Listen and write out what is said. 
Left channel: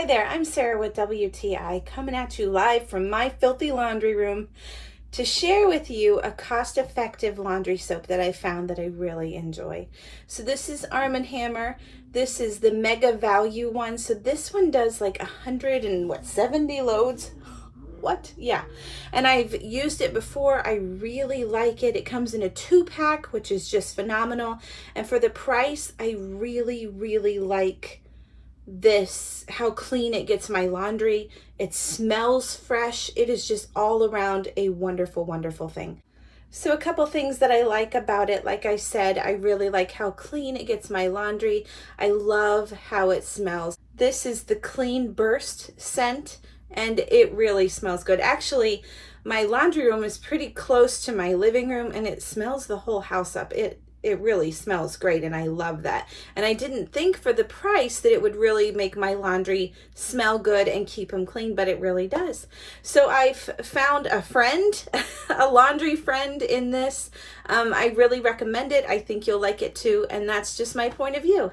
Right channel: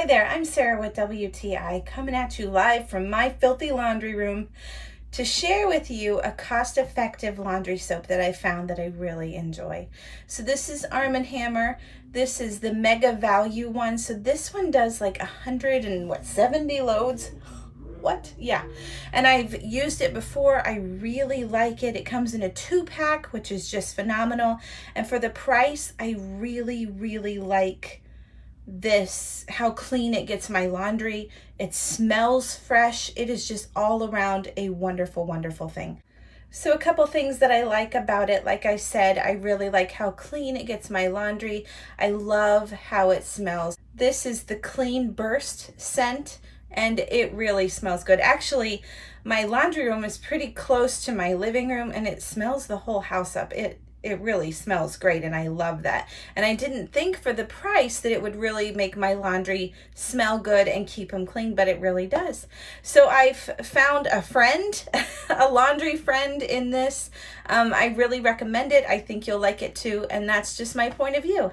Hi there, I'm Sarah with WTI, coming at you live from my filthy laundry room to share with you a cost-effective laundry soap that I found that I really enjoy. So this is Arm & Hammer. This is the Mega Value one. So this one does like 170 loads. What? Yeah. And I've used it before. I really like it. It comes in a 2-pack, which is just phenomenal. And for the price, I really like this, how clean it gets my laundry. It smells fresh. It is just all around a wonderful thing. So a couple things that I like about it, like I said, I really like how clean it gets my laundry. I love how it smells. This is the Clean Burst scent, and it really smells good. Actually, my laundry room is pretty close to my living room, and it smells the whole house up. It really smells great, and I love that. And I didn't think for the price that it would really make my laundry smell good and keep them clean, but it really does. So I've found a friend, a laundry friend in this. I really recommend it. I think you'll like it too, and that's just my point of view.